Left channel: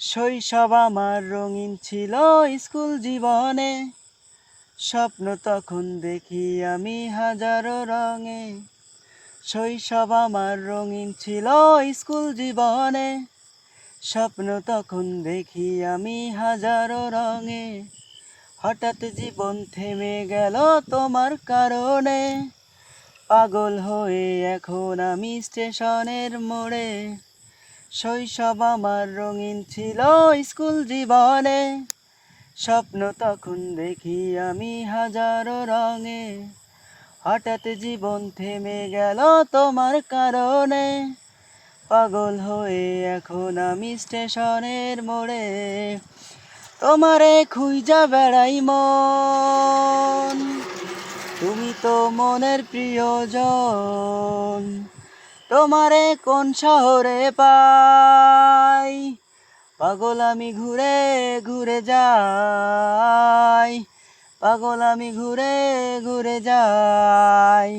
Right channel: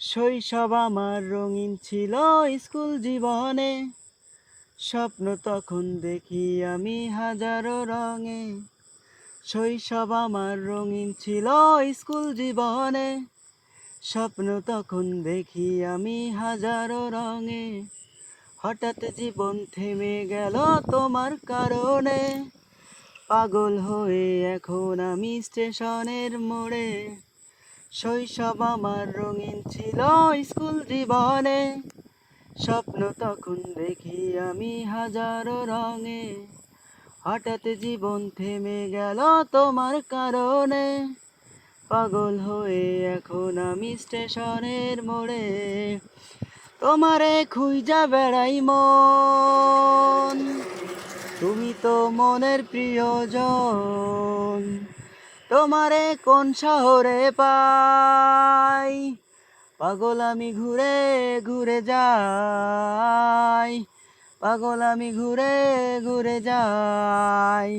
শৈশব আমার রঙিন ছিল স্কুল জীবনে, স্বপ্ন তখন দেখি আমি হাজারো রঙে। শৈশব আমার রঙিন ছিল স্কুল জীবনে, স্বপ্ন তখন দেখি আমি হাজারো রঙে। হঠাৎ জীবন থেমে গেল তোমার কারণে, পাগল হয়ে এখন আমি স্টেশনের মোড়ে। শৈশব আমার রঙিন ছিল স্কুল জীবনে, স্বপ্ন তখন দেখি আমি হাজারো রঙে। হঠাৎ জীবন থেমে গেল তোমার কারণে, পাগল হয়ে এখন আমি স্টেশনের মোড়ে। তোমারে খুঁজা বেড়াই মন, তুমি তো মনের প্রিয়জন। তোমারে কোন শহরে পাই, পাগল আমি ঘুরে ঘুরে যাই, পাগল আমি ঘুরে ঘুরে যাই।